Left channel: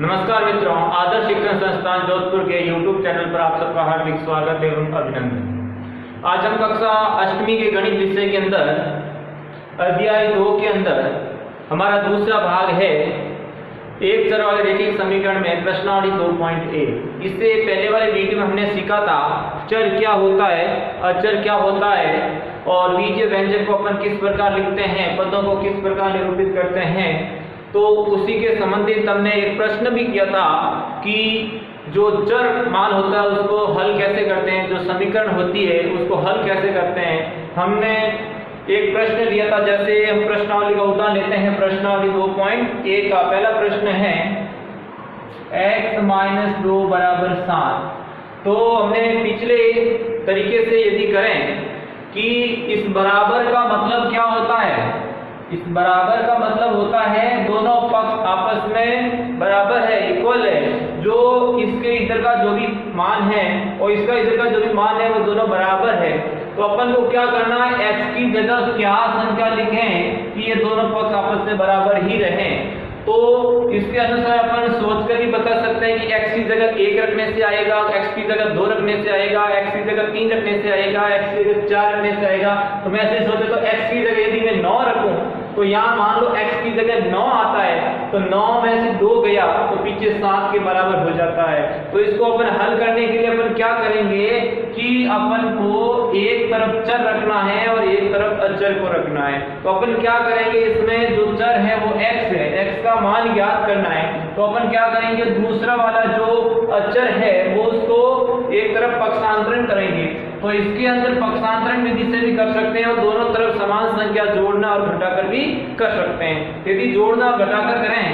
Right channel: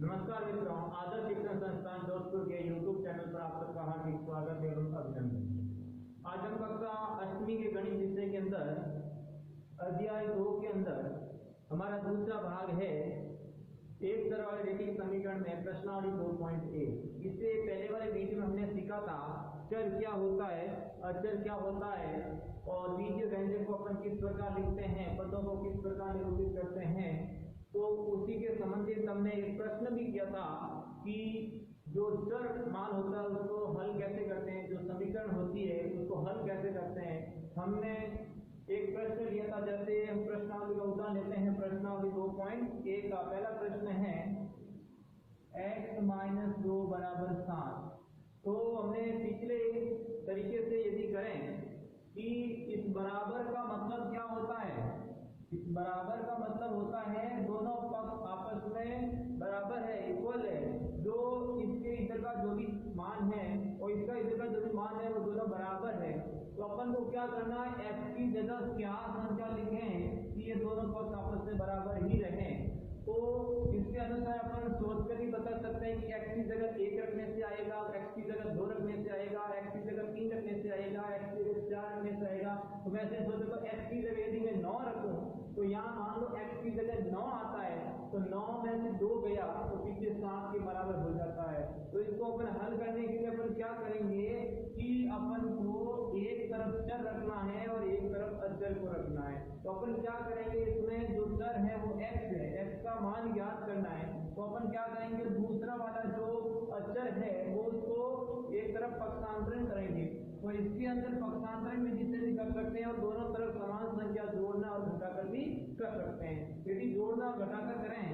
नमस्कार मित्रों, आदर्श शिक्षण संस्थान जोधपुर के YouTube चैनल पर आप सबका हार्दिक स्वागत एवं अभिनंदन। आज हम कक्षा अष्टमी के गणित विषय के अंदर अध्याय 2 के अंदर हमारा दूसरा भाग है एक चर वाले रैखिक समीकरण में प्रश्नावली 2.1। इससे पहले वाले वीडियो में हमने सीखा था चर क्या होता है, अचर क्या होता है और बीजीय व्यंजक को अपन किस प्रकार लिखते हैं, पदों को किस प्रकार निरूपित करते हैं। तो उसी के संबंधित हमने एक प्रश्न भी किया था कि जो चर मान होता है उसको हल कैसे करते हैं, जो समीकरण होती है उसको हल कैसे करते हैं। हमने एक प्रश्न लिया था, जैसे हम प्रश्नावली का उदाहरण लेते हैं। प्रश्नावली 2.1 का पहला प्रश्न है x - 2 = 7। तो हमने पिछले तरीके से यदि करें कि इस बराबर का मतलब क्या होता है, इस बराबर का मतलब होता है दोनों पक्ष आपस में बराबर है, इक्वल है। जो इसके इधर का जो भी मान है और इसका इधर का जो भी मान है वो दोनों बराबर है। तो अपन को क्या करना है, x की जगह क्या संख्या लिखें कि ये दोनों पक्ष आपस में बराबर ही रहें। तो इसके अनुसार अपन सोचकर भी बता सकते हैं कि x की जगह 1 रखने से आएगा, x की जगह 2 रखने से आएगा, x की जगह 3 रखने से आएगा, x की जगह 4 रखने से आएगा। तो मैं ऐसे सोचे तो x की जगह यदि मैं 9 रखूं तो यहाँ मान लो x की जगह 9 आता है, तो 9 में से 2 गया तो पीछे 7 के बराबर हो जाता है। तो इसको अपन हल करने के लिए अपन क्या करेंगे कि अपन को एक तरफ चर रखना है और एक तरफ अचर को रखना है। तो अपन क्या करेंगे, इसमें जो चर है वो x है, x का मान ज्ञात करना है। तो अपन क्या करेंगे, दूसरा वाला जो अचर है वो उसको एक तरफ पक्षांतरण करेंगे। तो इसके अंदर पक्षांतरण विधि से भी कर सकते हैं और दोनों तरफ समान संख्या जोड़ना और घटाकर भी कर सकते हैं। यदि जोड़ना और घटाकर करें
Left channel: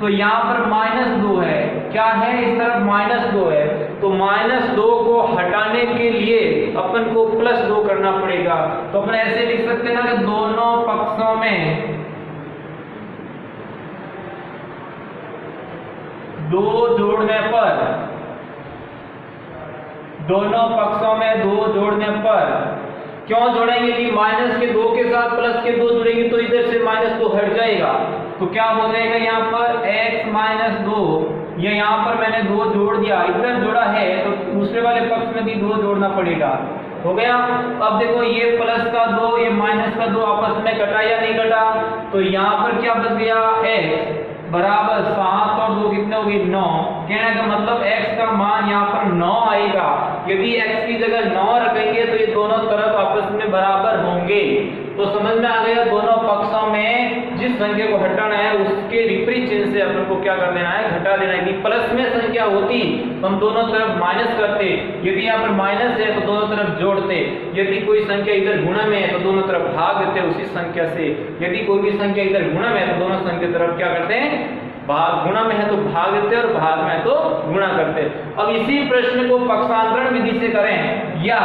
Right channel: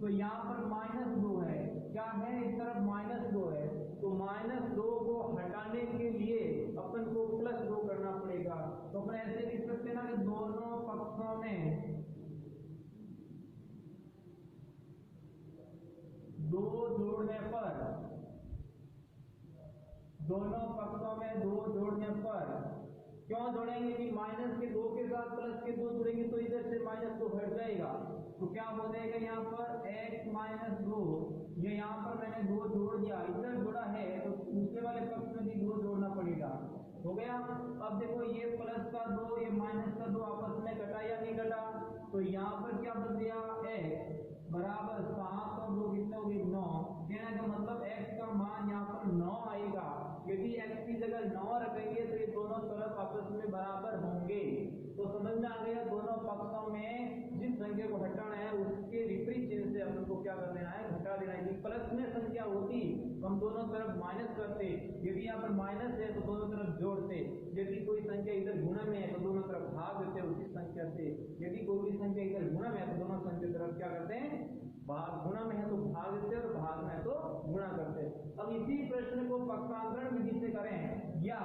तो यहाँ पर -2 है, क्या है, इस तरफ -2 है। तो -2 को हटाने के लिए अपन को +2 करना पड़ेगा। तो अपन ऐसे लिख सकते हैं ना कि दोनों पक्षों में 2 जोड़ने पर, दोनों पक्षों में 2 जोड़ने पर क्यों जोड़ेंगे कि माइनस के 2 के साथ प्लस के 2 जुड़ेंगे तो इधर से -2 हट जाएगा। तो क्या हो जाएगा यहाँ पर x - 2, ये यहाँ पर मैंने 2 जोड़ दिया, इधर जोड़ा है तो दूसरे वाले पक्ष में भी 2 जोड़ना पड़ेगा। हो गया। अब देखो ये प्लस का 2 ये माइनस का 2 आपस में कटा या नहीं कटा, तो यहाँ पर क्या बच गया, x बराबर 7 और 2 कितने हो गए, 9। कहने का मतलब x का मान यहाँ पर 9 आएगा। यदि x की जगह 9 रखेंगे तो ये दोनों तरफ आपस में बराबर होंगे। तो समझ में आ गया, दोनों पक्षों में जिस संख्या को हटाना है उसके विपरीत चिन्ह से अपन को क्या कर देना है, घटा देना है। कि प्लस में संख्या होती तो हम दोनों तरफ माइनस करते, यदि यहाँ पर माइनस है तो दोनों तरफ जोड़ते। यदि कोई संख्या इधर गुणा में है तो दोनों तरफ भाग देते उसी संख्या से। यदि कोई भी संख्या इधर गुणा में है तो दोनों संख्या तरफ क्या करते हैं, भाग, गुणा में है तो भाग देते और भाग में है तो गुणा करते। अब इसी प्रश्न को पक्षांतरण विधि से करें या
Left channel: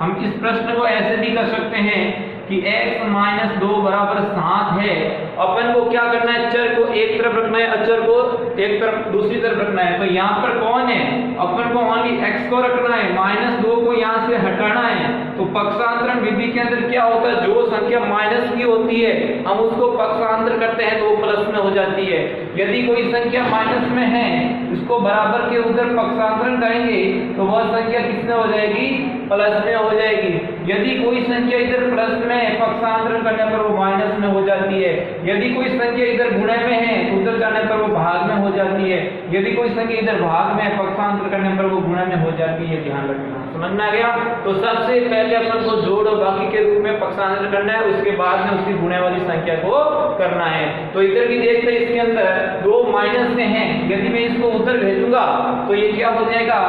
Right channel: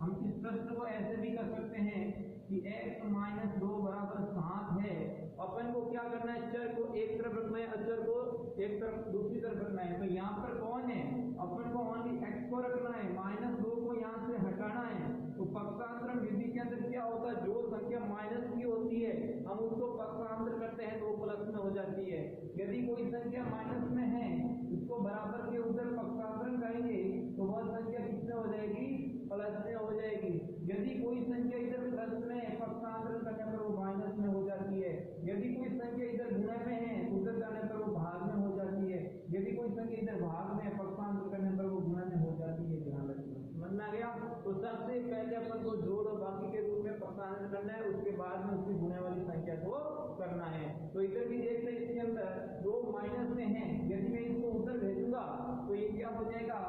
हम इस प्रश्न को ऐसे भी कर सकते हैं कि x - 2 = 7 है। अपन को क्या करना है, चर को एक तरफ रखना है, अचर को एक तरफ दूसरी तरफ रखना है। तो यहाँ पर कौन है, अपन को ओनली x को रखना है, -2 को यहाँ से हटाना है। तो पक्षांतरण विधि के अंदर क्या होता है, जो संख्या माइनस की होती है हम उसको पक्षांतर करते हैं तो वो प्लस में हो जाती है। यदि कोई संख्या माइनस में है उसको बराबर के उधर पक्षांतरण करेंगे तो वह संख्या किसमें हो जाएगी, प्लस में हो जाएगी। यदि कोई संख्या इधर प्लस में पक्षांतरण करने पर वो माइनस में हो जाती है। यदि कोई संख्या इधर गुणे में है तो उधर जाने पर वो भाग में हो जाती है। यदि कोई संख्या इधर भाग में पक्षांतर करने पर वो गुणे में हो जाती है। ध्यान रखना, समझ में आ गया। तो सबसे पहले अपन को जोड़ और बाकी के रूप में पक्षांतर करना है, उसके बाद में उसकी गुणे वाली संख्या को करना है। तो इधर भी देखते हैं, इसके अंदर 2 माइनस में है, यदि मैं इसको उधर भेजूंगा तो ये क्या हो जाएगा,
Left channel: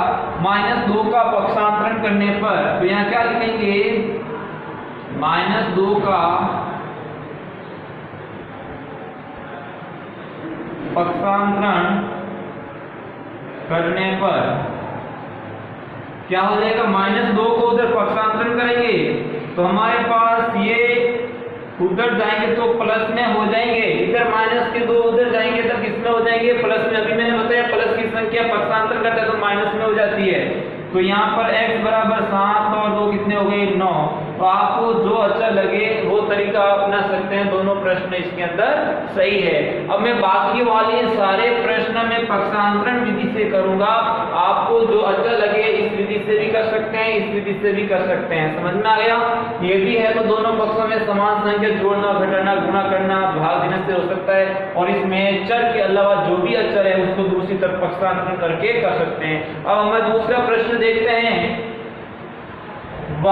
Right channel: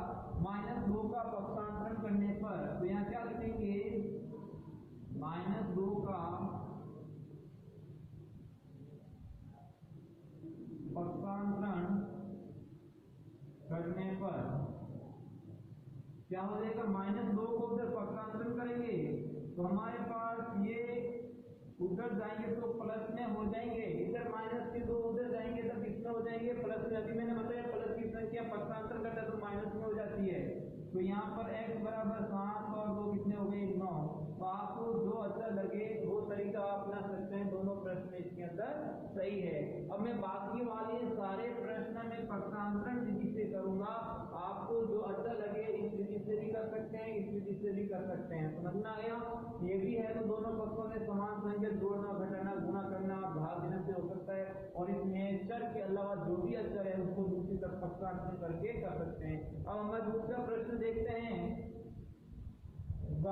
-2 का पक्षांतरण करने पर तो यहाँ क्या लिखेंगे, -2 का पक्षांतरण करने पर क्या हो जाएगा, -2 को उधर पक्षांतरण करेंगे तो हमारे पास ये उधर जाएंगे तो प्लस में हो जाएंगे, इधर -2 उधर जाएंगे तो किस में हो जाएंगे, प्लस में। अभी मैंने बताया प्लस की संख्या पक्षांतर करते हैं तो माइनस में हो जाती है। तो यहाँ पर x बराबर 7 और 2 कितने हो गए, 9। तो आपको जो अच्छा लगे वो तरीका अपना सकते हैं। दोनों प्रश्न इसके अंदर सही है। अब मैं बाकी वाले सारे प्रश्न में पक्षांतरण विधि से करूंगा। आपको जो अच्छा लगे इस विधि से भी कर सकते हैं, इस विधि से भी कर सकते हैं। समझ में आ गया? ये भी है तो दोनों पक्षों में समान संख्या जोड़ना, घटाना, गुणा करना, भाग देने से हो सकता है। और इसमें चर के अलावा जो भी अचर है उसको दूसरी तरफ पक्षांतरण करके कर सकते हैं। अब हमें दूसरा प्रश्न देखते हैं। y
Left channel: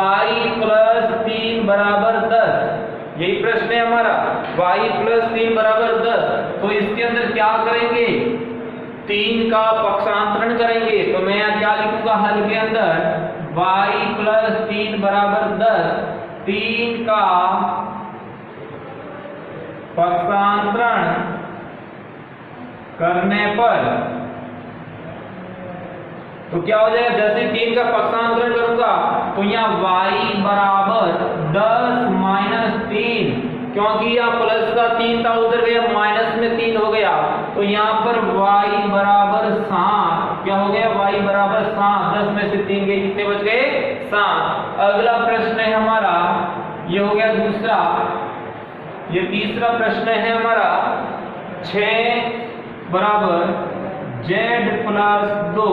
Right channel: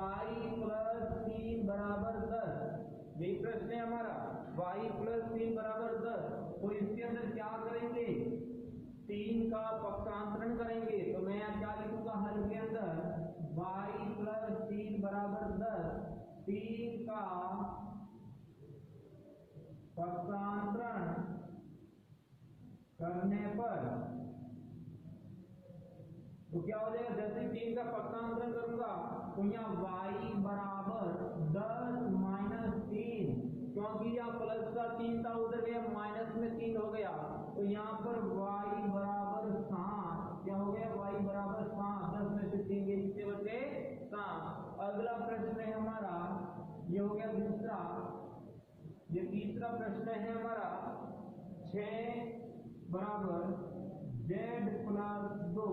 + 3 = 10, यही प्रश्न है हमारा। y + 3 = 10, तो इसके अंदर क्या करेंगे? 3 का पक्षांतरण करेंगे। तो मैं यहाँ क्या लिखूंगा हल के अंदर? y + 3 = 10, 3 का पक्षांतरण करने पर तो क्या हो जाएगा? जैसे 3 का पक्षांतरण करूंगा तो यहाँ y बराबर 10 - 3, क्योंकि यहाँ प्लस का 3 था उधर गया माइनस में 3 हो गया, तो यहाँ पर y बराबर 7। क्या हो गया? y बराबर 7। 10 में से 3 गए, कितने बच गए? 7। अगला प्रश्न है हमारा, ये हो गया दूसरा। ये तीसरा प्रश्न है हमारा, 6 बराबर z + 2।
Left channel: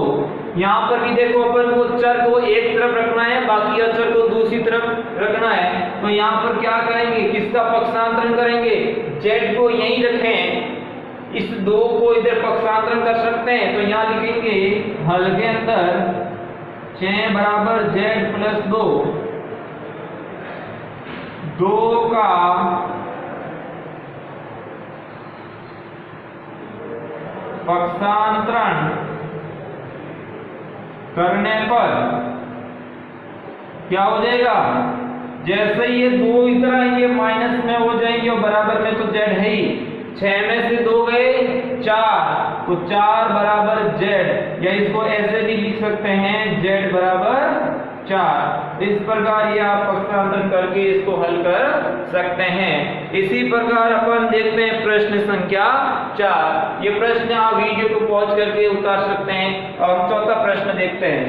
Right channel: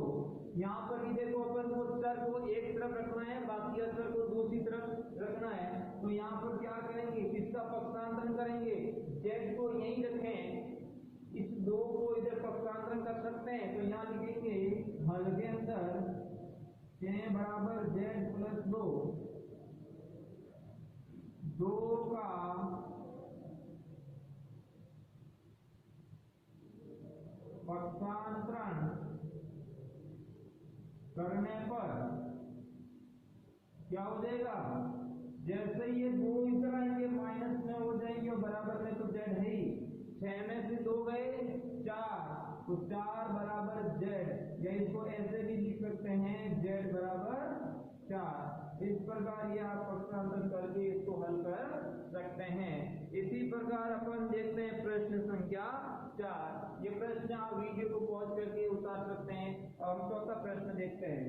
यहाँ पर भी देखो अपन को चर को एक तरफ रखना है, बाकी अचर को दूसरी तरफ रखना है। तो यहाँ पर क्या करेंगे? किसका पक्षांतरण करेंगे? z को यहीं रखें, इस 2 को इधर पक्षांतरण कर सकते हैं। तो यहाँ लिखेंगे हल के अंदर 6 बराबर z + 2, 2 का पक्षांतरण करने पर क्या हो जाएगा? जैसे ये 2 इधर आएंगे माइनस में हो जाएंगे और बराबर में तो z है ही। 6 में से 2 गए 4, तो 4 बराबर z, या इसको ऐसे भी लिख सकते हैं z बराबर 4। इस प्रकार ये आप पक्षांतरण करके इसको हल कर सकते हैं। इसी प्रकार अपन देखते हैं प्रश्न संख्या 4। ये प्रश्न आप वीडियो को पॉज करके उतार सकते हैं। और हम चौथा प्रश्न देखते हैं।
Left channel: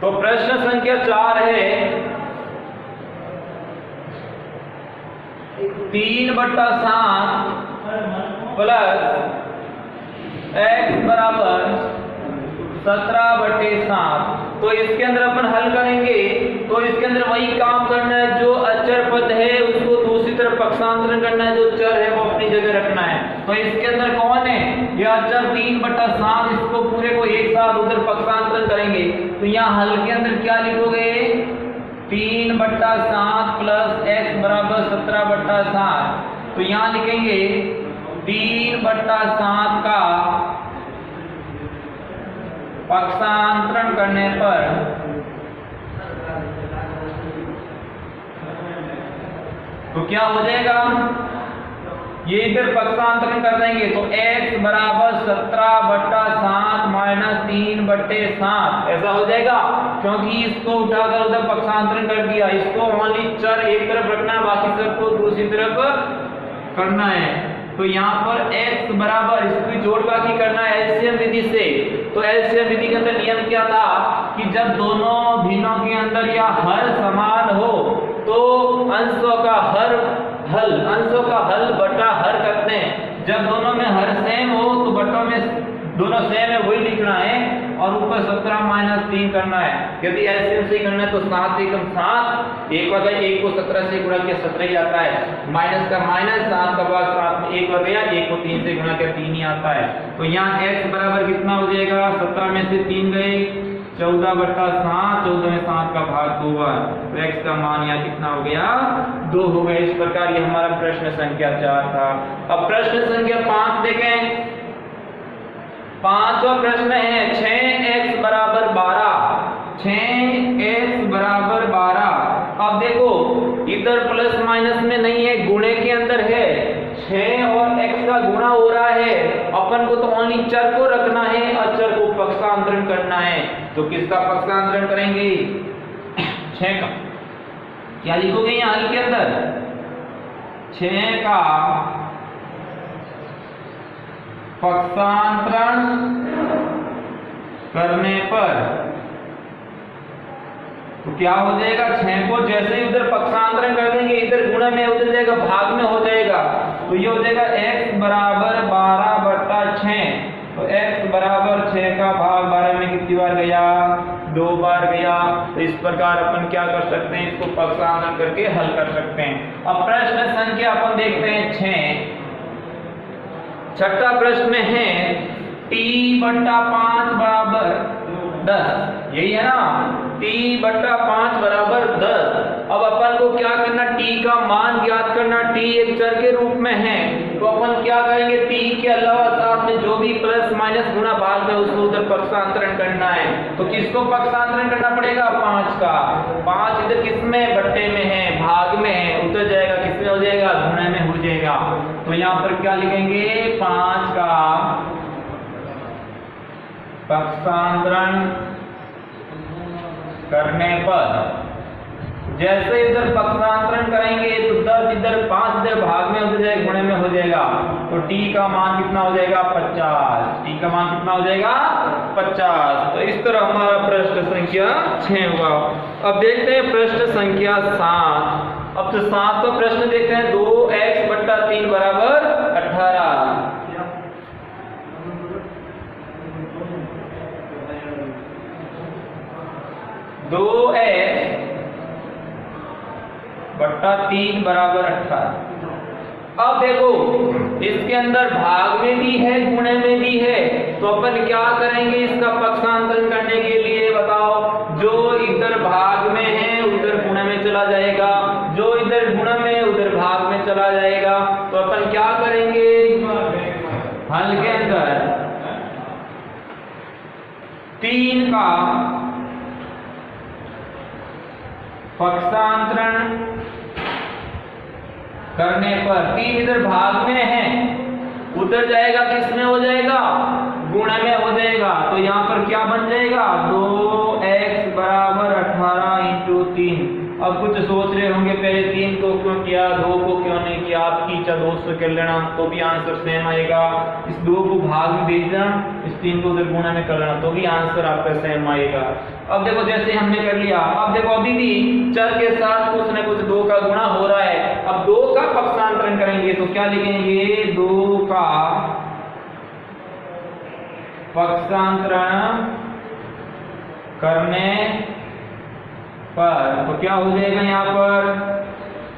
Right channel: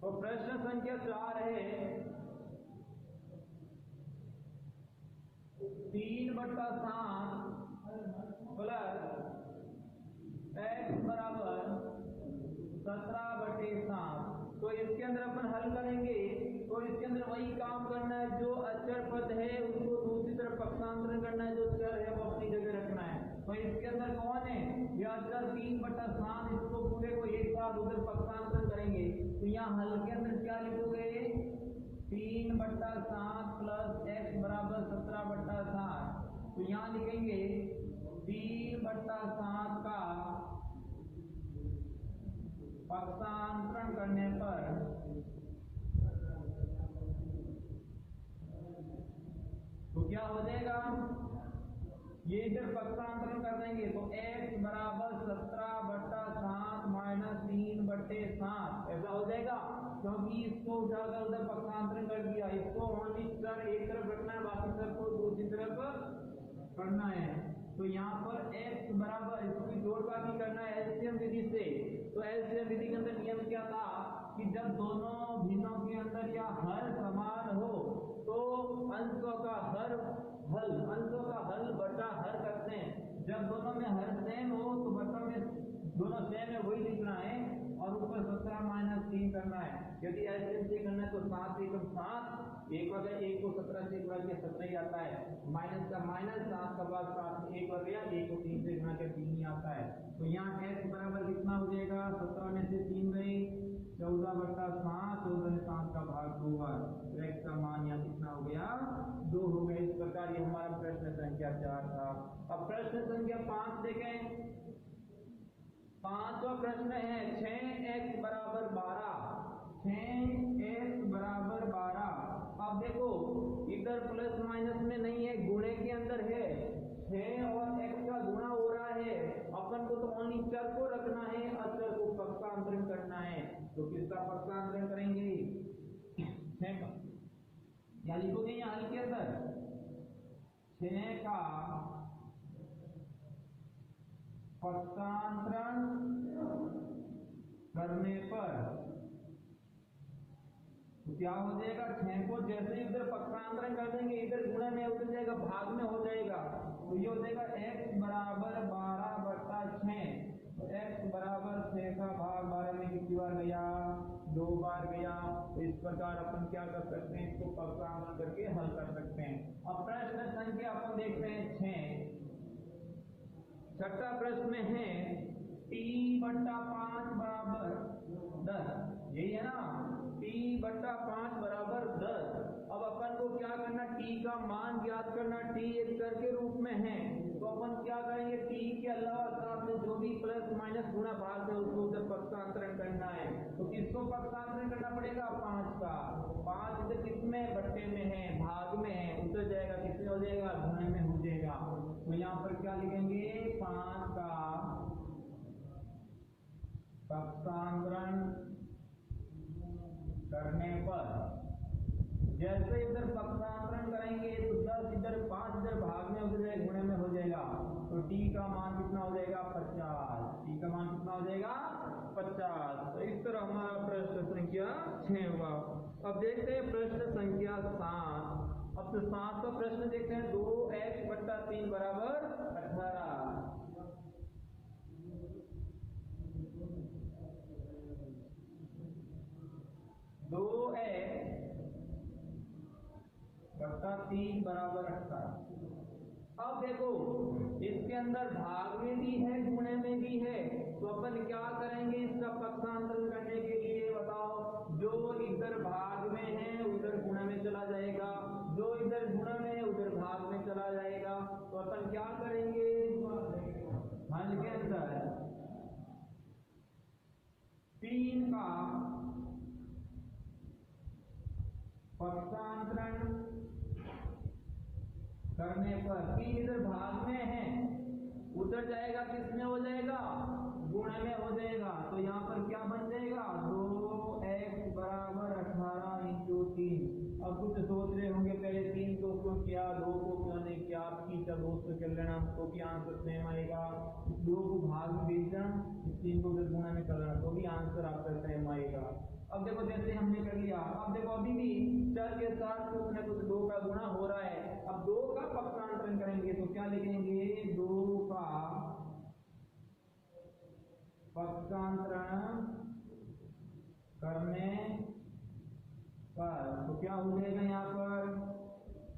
तो प्रश्न संख्या 4 है, 3/7 प्लस x बराबर 17/7। तो इसके अंदर अपन हल करेंगे। तो इसके अंदर वही काम करना है, जो अचर पद है उसको दूसरी तरफ पक्षांतरण करना है, जो चर है वो अपनी जगह रखना है। तो इसके अंदर कौन है? यह अचर 3/7, इसको पूरे को एक साथ उधर पक्षांतरण करेंगे। तो यहाँ हल के अंदर क्या लिखोगे? 3/7 प्लस x बराबर 17/7। तो यहाँ लिखेंगे 3/7 का पक्षांतरण करने पर तो क्या हो जाएगा? ये इधर पक्षांतरण कर देंगे तो x बराबर 17/7 माइनस 3/7 ऐसा हो जाएगा, क्योंकि इसको उठाकर उधर पक्षांतरण कर दिया। इसको ओनली चर एक तरफ रखना, बाकी सबको दूसरी तरफ करना है। तो यहाँ पर x बराबर इसकी जोड़ बाकी करना है एलसीएम विधि से। तो एलसीएम विधि के अंदर नियम क्या था कि जब दोनों भिन्नों के अंदर या हर समान हो तो अंशों का हल बटा हर करते हैं। जब दोनों में हर सेम हो तो बटों में दोनों सेम है वही लिखना है और ऊपर 17 माइनस 3 करना है। यदि एलसीएम से करना है तो 7 एकम 7, एक वगैरह 1 को 17 से गुणा किया 17 ही आता है, माइनस का माइनस, 7 का भाग 7 में 1 वगैरह 1 को 3 से गुणा किया 3 ही आता है। तो यहाँ x बराबर कितना हो जाएगा? 17 में से 3 गए 14/7, 14 में 7 का भाग 2 बार, तो x का मान यहाँ कितना हो गया? 2 हो गया। इस प्रकार ये हमारा प्रश्न संख्या 4 था। अब प्रश्न संख्या 5 देखें। पांचवा प्रश्न है 6x बराबर 12, 6x बराबर 12। अब देखो इधर प्लस माइनस में नहीं है, गुणे के अंदर है। 6 और x का गुणा हो रहा है, अपन को तो ओनली चर को रखना है, अचर को पक्षांतरण करना है। तो किसका पक्षांतरण करेंगे? 6 का। क्या लिखोगे यहाँ हल के अंदर? 6 का पक्षांतरण करने पर तो क्या हो जाएगा, 6 को जैसे ही उधर पक्षांतरण कर देंगे इधर गुणा में उधर जाएगा भाग में हो जाएगा, तो ये हो जाएगा x बराबर 12/6। तो x बराबर 6 का भाग 12 में कितनी बार गया, 2 बार गया। तो इस प्रकार अपन क्या कर सकते हैं, इसको पक्षांतरण करके हल कर सकते हैं। अब प्रश्न संख्या अपन देखते हैं 6। छठा प्रश्न में है t/5 बराबर 10, यही है ना, t/5 बराबर 10। अब अपन को क्या करना, t का मान ज्ञात करना। t एक चर के रूप में है, तो अपन क्या करेंगे, t के अलावा साथ में जो भी प्लस माइनस गुणा भाग में उसको उधर पक्षांतरण करना है। तो किसको पक्षांतरण करना पड़ेगा, 5 का। 5 इधर किसमें, बट्टे में है, भाग में है, उधर जाएगा किसमें हो जाएगा, गुणा में हो जाएगा। तो यहाँ पर क्या लिखेंगे, 5 का पक्षांतरण करने पर, जैसे इधर पक्षांतरण करेंगे तो 10 इधर 5 इधर भाग में उधर जाएगा, गुणे में हो जाएगा। तो t का मान कितना हो जाएगा, 50। t का मान कितना हो जाएगा, 50। तो इस तरह हमारा प्रश्न संख्या 6 हुआ। अब देखते हैं प्रश्न संख्या 7। अब तो 7वां प्रश्न देखते हैं, 2x/3 बराबर 18। 2x/3 बराबर 18। अब देखो इसके अंदर भाग में भी है, गुणे में भी है, तो अपन क्या करेंगे इसका पक्षांतरण करने के लिए, बताओ। जो इधर भाग में है उधर गुणे में चला जाएगा, जो इधर गुणे में उधर भाग में चला जाएगा। तो अपन क्या करेंगे, हल के अंदर 3 का पक्षांतरण करने पर, 3 इधर भाग में है, उधर जाएगा किसमें हो जाएगा, गुणा में हो जाएगा। तो यहाँ पर क्या बन जाएगा, 2x बराबर 18 × 3। अब कुछ सोच रहे होंगे पहले 3 को क्यों किया, 2 को क्यों नहीं किया। आप खींचा 2 से कर लेना तो भी आंसर सेम आएगा। इस 2 को भाग में भेज देना, इस 3 को उधर गुणा में कर लेना तो भी आंसर आपका सेम आएगा। अब देखो जैसे हमने कर लिया, अब देखो अभी भी चर के साथ कुछ न कुछ 2 का गुणा हो रहा है। अब 2 का पक्षांतरण करेंगे तो क्या लिखेंगे, 2 का पक्षांतरण करने पर तो क्या हो जाएगा, यहाँ पर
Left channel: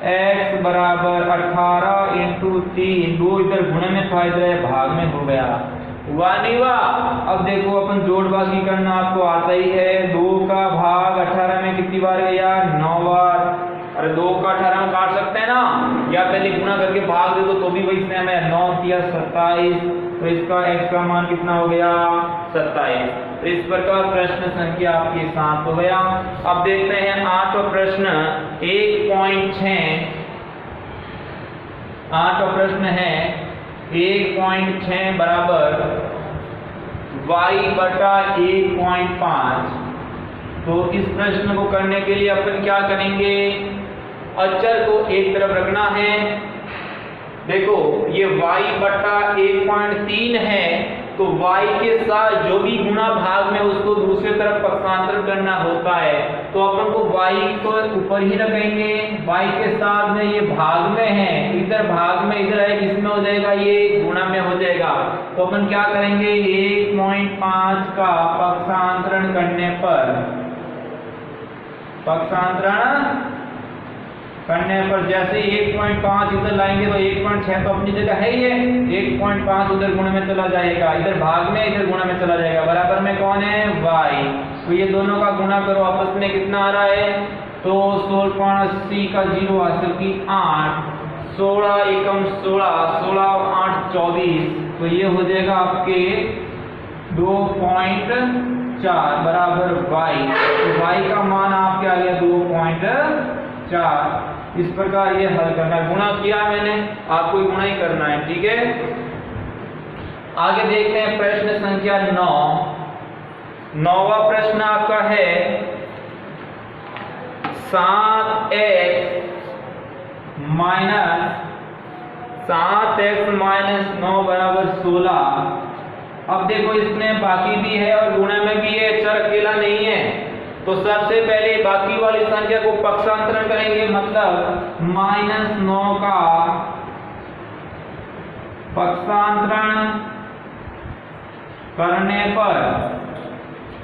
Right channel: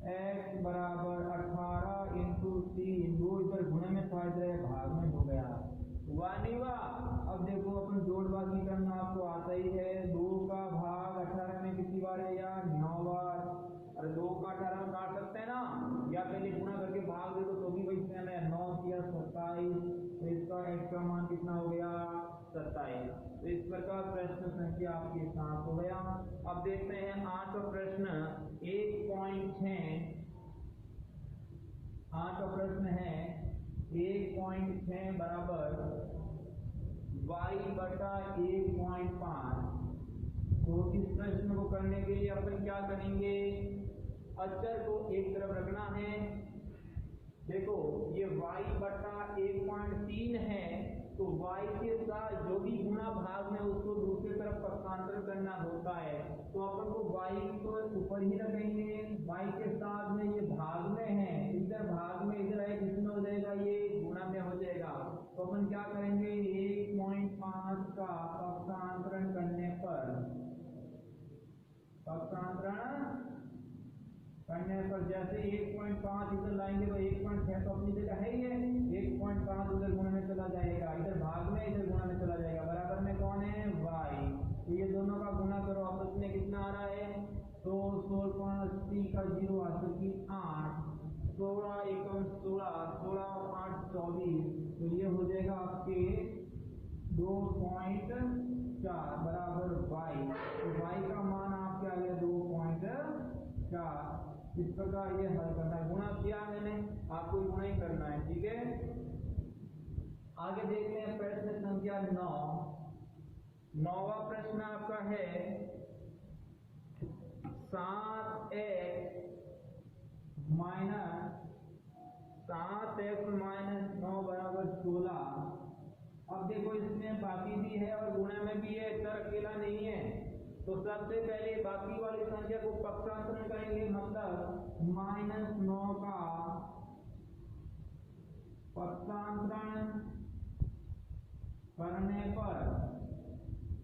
x बराबर 18 × 3। 2 इधर गुणे में था, इधर भाग में हो गया, हुआ नहीं हुआ। अब देखो अपन जोड़बाजी करना आपको आता ही है। 2 का भाग 18 में कितनी बार गया, 9 बार। अरे 2 का 18 में काट सकते हैं ना, या पहले गुणा करके भाग दे दो तो भी वही सेम है। 9 किया 27, तो इसका x का मान कितना हो गया, 27। तो इस प्रकार प्रश्न संख्या आपके 7 हो गया। अब देखते हैं 8वां प्रश्न 1.6। 8वां प्रश्न है 1.6 बराबर y/1.5। तो इस प्रश्न को करने के लिए अपन क्या करेंगे, अचर को एक तरफ रखना है। देखो ये y/1.3 है, तो y के साथ जो भी गुणा भाग में उसको दूसरे तरफ पक्षांतरण करना होता है। तो अपन को y को ऊपर ही रखेंगे, y के साथ में ये भाग में है, इधर भाग में इधर है, किसमें हो जाएगा, ये गुणा में हो जाएगा। तो अपन क्या करेंगे, 1.5 का पक्षांतरण करने पर, पक्षांतरण करने पर जैसे 1.5 इधर लाएंगे तो 1.6 तो अपनी जगह है ही है, 1.5 उधर गुणा में चला जाएगा, इधर भाग में इधर गुणा में चला जाएगा। बराबर में कौन है, y। तो ये दोनों का गुणा करो, आपस में कितना आ रहा है, तो 16.80 का 0 हासिल की 8, 16 एकम 16, 16 8 24। तो ये हो जाएगा आपके 2.4 बराबर y। तो y का मान आपके आ गया 2.4। इस प्रकार ये हल करना है। गुणा किया मैंने, आपको गुणा ही करना है, ठीक है। आगे देखते हैं प्रश्न संख्या 9। 9वां प्रश्न आपका है 7x - 7x माइनस 9 बराबर 16। अब देखो इसमें बाकी भी है और गुणा में भी है, चर अकेला नहीं है। तो सबसे पहले बाकी वाली संख्या को पक्षांतरण करेंगे, मतलब -9 का पक्षांतरण करने पर,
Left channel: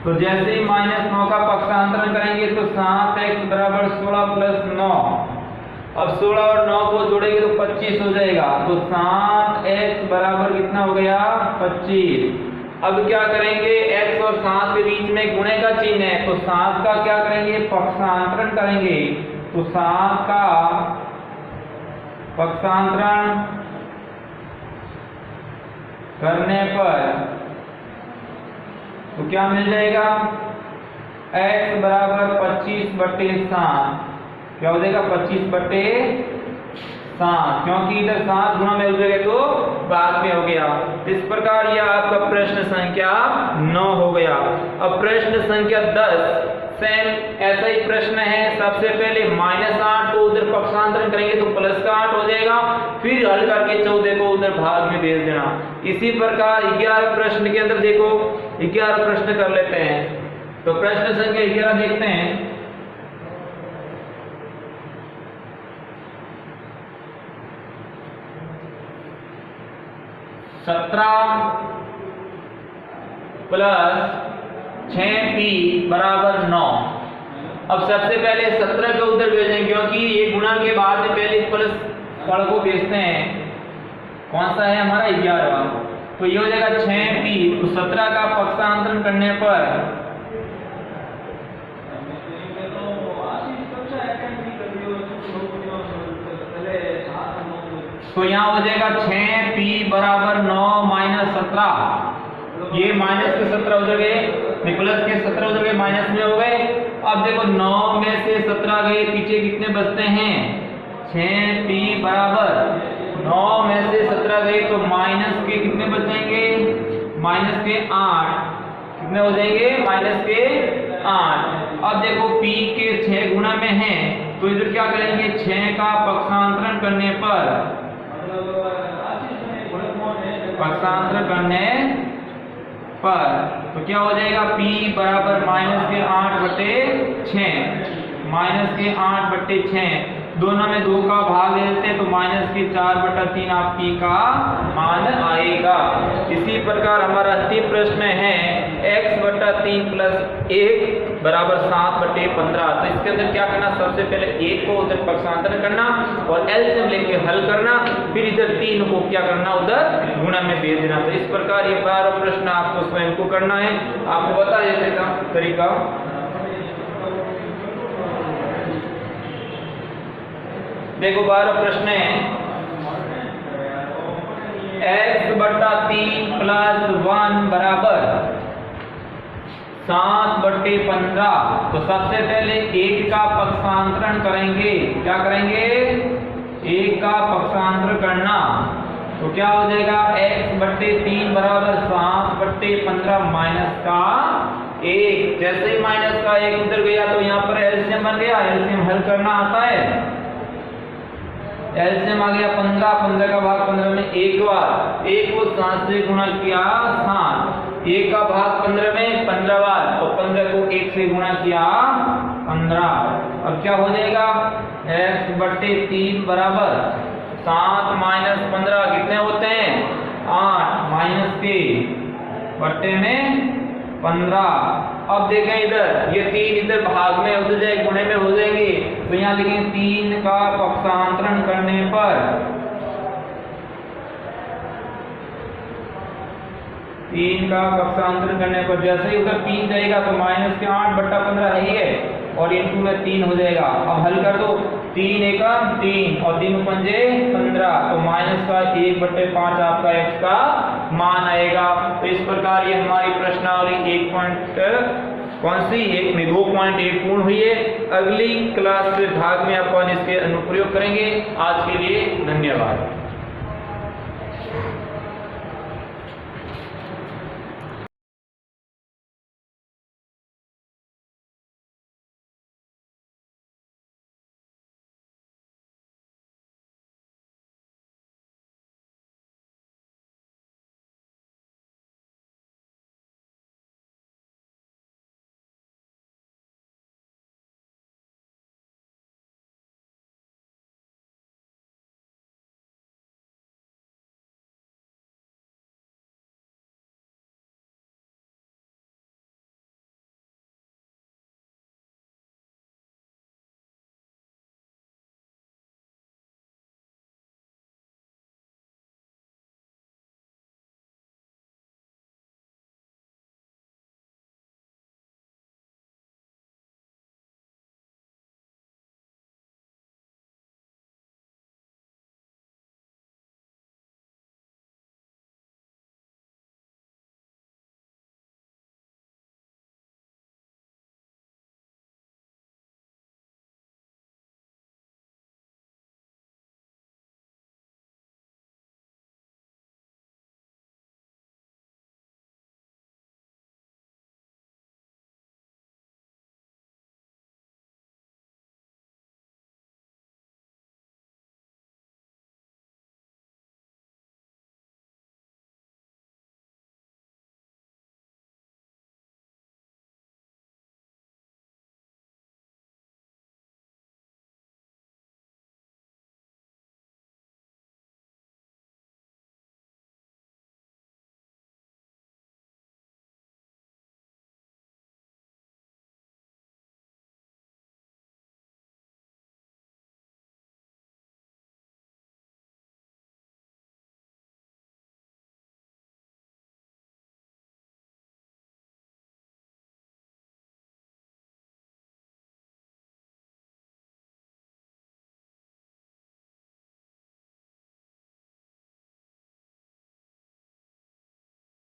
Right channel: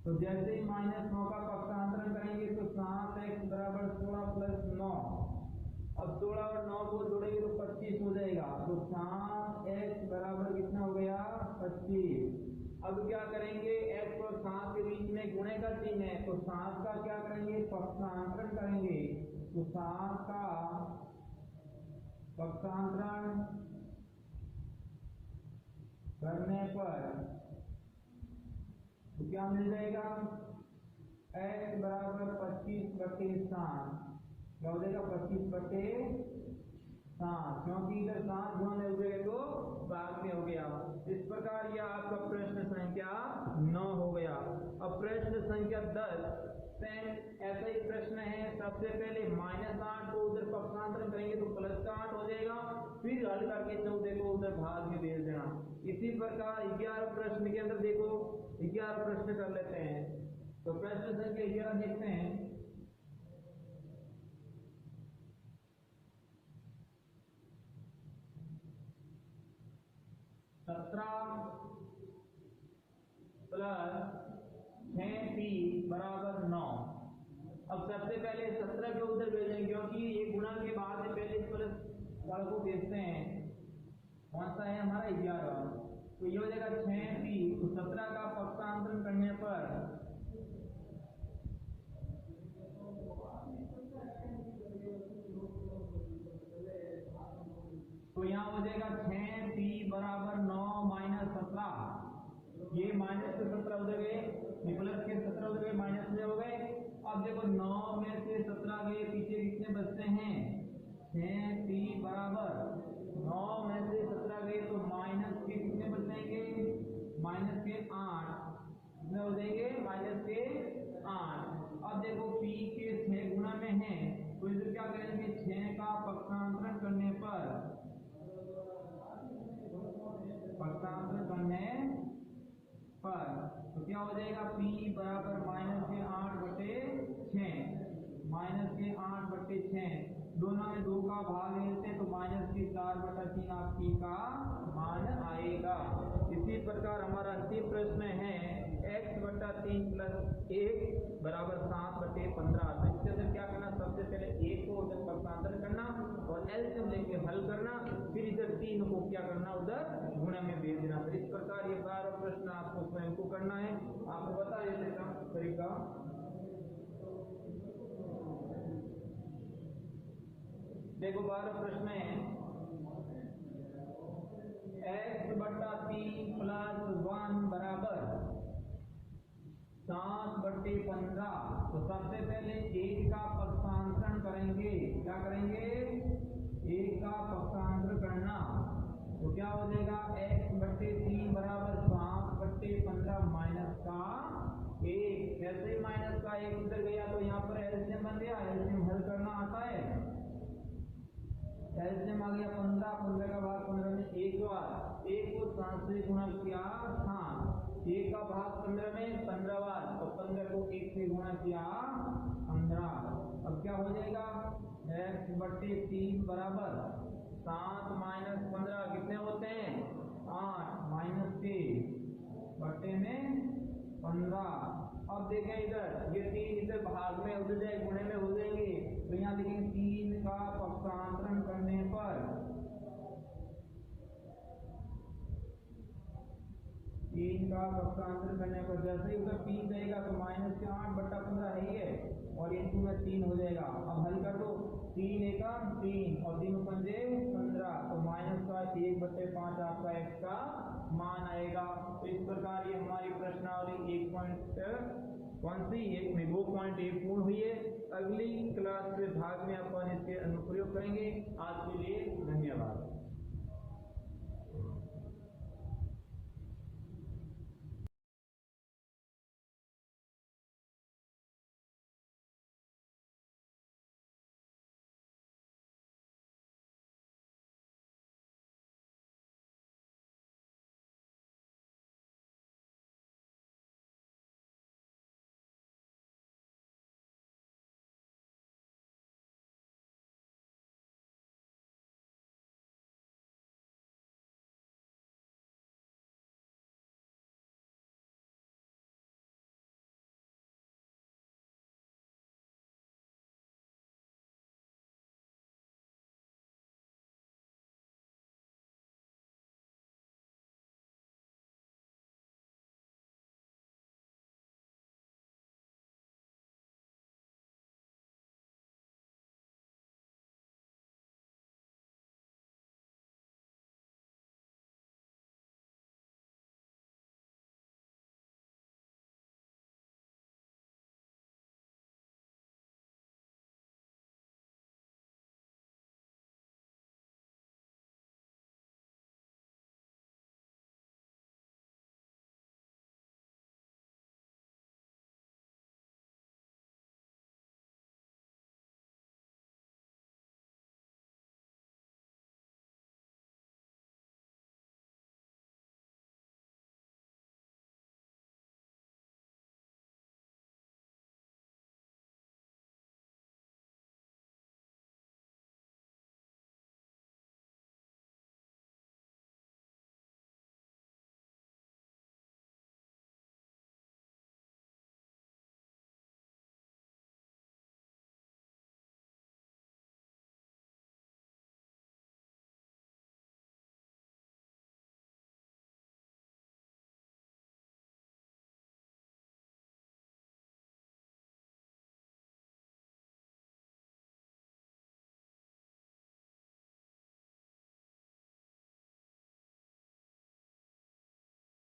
तो जैसे ही -9 का पक्षांतरण करेंगे तो 7x बराबर 16 प्लस 9। अब 16 और 9 को जोड़ेंगे तो 25 हो जाएगा। तो 7x बराबर कितना हो गया? 25। अब क्या करेंगे, x और 7 के बीच में गुणे का चिन्ह है, तो 7 का क्या करेंगे? पक्षांतरण करेंगे। तो 7 का पक्षांतरण करने पर तो क्या मिल जाएगा? x बराबर 25/7। क्या हो जाएगा? 25/7, क्योंकि इधर 7 गुणा में हो जाएगा तो भाग में हो गया। इस प्रकार यह आपका प्रश्न संख्या 9 हो गया। अब प्रश्न संख्या 10 सेम ऐसा ही प्रश्न है। सबसे पहले -8 को उधर पक्षांतरण करेंगे तो प्लस का 8 हो जाएगा, फिर हल करके 14 को उधर भाग में भेज देना। इसी प्रकार 11 प्रश्न के अंदर देखो 11 प्रश्न कर लेते हैं। तो प्रश्न संख्या 11 देखते हैं। सत्रह प्लस 6p बराबर 9। अब सबसे पहले 17 को उधर भेजेंगे, क्योंकि ये गुणा के बाद में पहले प्लस पढ़ को भेजते हैं। कौन सा है हमारा? 11। तो ये हो जाएगा 6p। तो 17 का पक्षांतरण करने पर तो यहाँ हो जाएगा 6p बराबर 9 माइनस 17। ये माइनस के 17 उधर गए, प्लस के 17 उधर गए, माइनस में हो गए। अब देखो 9 में से 17 गए, पीछे कितने बचते हैं? 6p बराबर 9 में से 17 गए तो माइनस के कितने बचेंगे? माइनस के 8। कितने हो जाएंगे? माइनस के 8। अब देखो p के 6 गुणा में है, तो इधर क्या करेंगे? 6 का पक्षांतरण करने पर तो क्या हो जाएगा? p बराबर -8/6। -8/6 दोनों में 2 का भाग ले लेते हैं तो -4/3 आपकी का मान आएगा। इसी प्रकार हमारा अंतिम प्रश्न है x/3 + 1 बराबर 7/15। तो इसके अंदर क्या करना? सबसे पहले 1 को उधर पक्षांतरण करना और एलसीएम लेके हल करना, फिर इधर 3 को क्या करना? उधर गुणा में भेज देना। तो इस प्रकार ये 12 प्रश्न आपको स्वयं को करना है। आपको बता देते का तरीका। देखो 12 प्रश्न है। x/3 + 1 बराबर 7/15। तो सबसे पहले 1 का पक्षांतरण करेंगे। क्या करेंगे? 1 का पक्षांतरण करना। तो क्या हो जाएगा? x/3 बराबर 7/15 माइनस का 1। जैसे ही माइनस का 1 उधर गया तो यहाँ पर एलसीएम बन गया। एलसीएम हल करना आता है। एलसीएम आ गया 15। 15 का भाग 15 में 1 बार, 1 को 7 से गुणा किया 7। 1 का भाग 15 में 15 बार, तो 15 को 1 से गुणा किया 15। अब क्या हो जाएगा? x/3 बराबर 7 - 15 कितने होते हैं? 8 माइनस के बट्टे में 15। अब देखें इधर ये 3 इधर भाग में उधर जाए गुणे में हो जाएंगे, तो यहाँ लिखेंगे 3 का पक्षांतरण करने पर 3 का पक्षांतरण करने पर जैसे ही उधर 3 जाएगा तो -8/15 है ही है और इनटू में 3 हो जाएगा। अब हल कर दो। 3 एकम 3 और 3 पंजे 15, तो -1/5 आपका x का मान आएगा। तो इस प्रकार ये हमारी प्रश्नावली 2.1 पूर्ण हुई है। अगली क्लास के भाग में अपन इसके अनुप्रयोग करेंगे। आज के लिए धन्यवाद।